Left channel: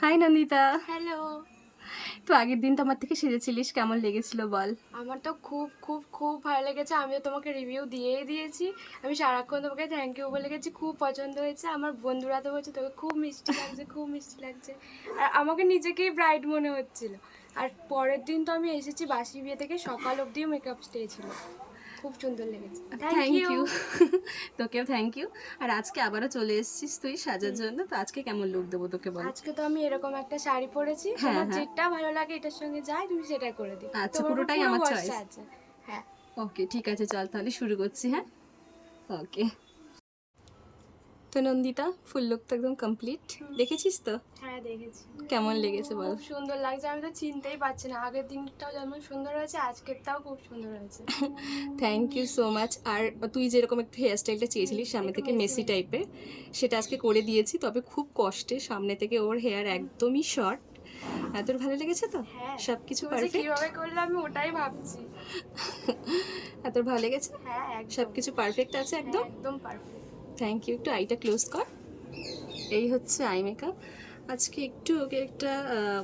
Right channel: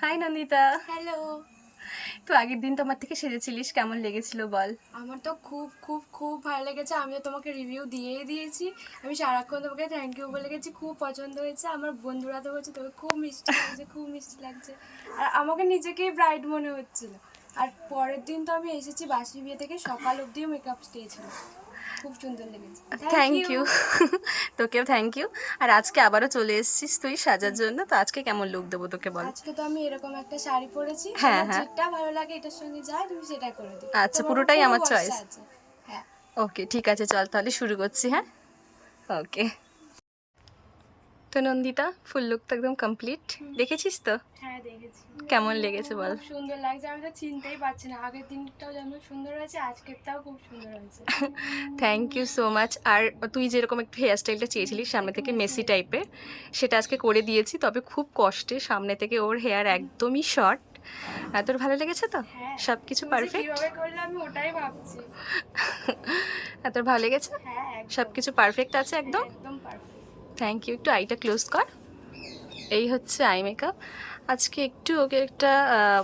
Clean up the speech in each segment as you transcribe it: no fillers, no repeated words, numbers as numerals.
High Nandita. Hello. তো আগের দিন তোমার থেকে সেজেছিলিস, কেমন লেগেছিল বল? আমার তো খুব খুব খুব ভালো লেগেছে। আমিও তোমাকে রিভিউ দিয়েই দিয়েছি। আমি সারাক্ষণ তোমাকে থ্যাংক ইউ বলে গেছি। খুব পছন্দ হয়েছে। আমার বন্ধুরা তো বলছে তোকে খুব মিষ্টি লাগছে, খুব মিষ্টি লাগছে। আর আমাকে নিজেকেই ব্রাইট মনে হচ্ছিল। আর পরের দিন তো আমি এসেছি বাসি বিয়ে থেকে, সকাল অবধিও মেকআপ স্টে ছিল। খুব সুন্দর লেগেছে। Thank thank you. ইউ। তোকেও থ্যাংক ইউ। আর আজকে আবারও চলে এসেছিস তুই সাজার জন্য, তো আজকে কেমন লুক দেবো তোকে বল? আজকে তো আমি এরকম একটা শাড়ি পরেছি। হ্যাঁ তোমার হ্যাঁ, যেটা ভালো লাগে এটার সঙ্গে যায় তুমি সেটাই করে দিও। আচ্ছা, তোমার উপর পুরোটাই পুরো আমার ভরসা চয়েস। আছে। হ্যাঁ। ওকে ঠিক আছে, চল তাহলে শুরু করছি। হ্যাঁ, ওকে। তো নন্দিতা, ফুল লুক তো একদম কমপ্লিট, দেখেছিস তো? হ্যাঁ দেখেছি। কেমন লেগেছে বল? খুব সুন্দর লাগছে। আমি তো চিনতেই পারছি না, আগের দিনটাও যেমন সুন্দর হয়েছে আজকেরটাও খুব সুন্দর হয়েছে। Thank you so much. আর তুই যেরকম একটু হেয়ার স্টাইলটা চেয়েছিলিস সামনে একটু থেকে মেসি মেসি মেসি। টাইপের, সেটা আজকে করে দিয়েছি, তবে খুব কষ্টে। সামনে থেকে ওর হেয়ার একদমই শর্ট। তোর ভালো লেগেছে তো? হ্যাঁ, সব কিছু তুমি যে পারফেক্ট? কিভাবে করলে আমি ওটাই ভাবছি। তোর ভালো লেগেছে? হ্যাঁ সব একদম। কিছু পারফেক্ট আছে হ্যাঁ একদম? একদম পারফেক্ট। Thank you. একটু আইটা ক্লোজ কর। এই হচ্ছে আই মেকআপ। আজকে একটু ওকে একটা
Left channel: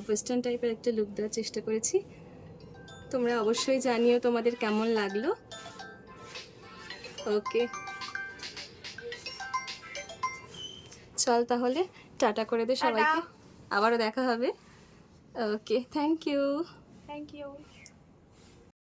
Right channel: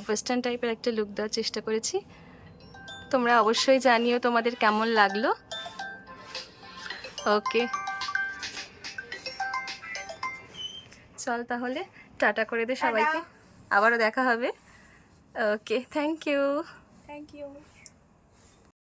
ওয়েস্টার্ন টাইপের একটা লুক দেওয়ার চেষ্টা করেছি। তোমরা অবশ্যই জানিও তোমাদের কেমন লাগলো। ওকে, চল তাহলে টাটা করে দে সবাইকে। আবারও দেখা হবে। Okay, thank you. Thank you.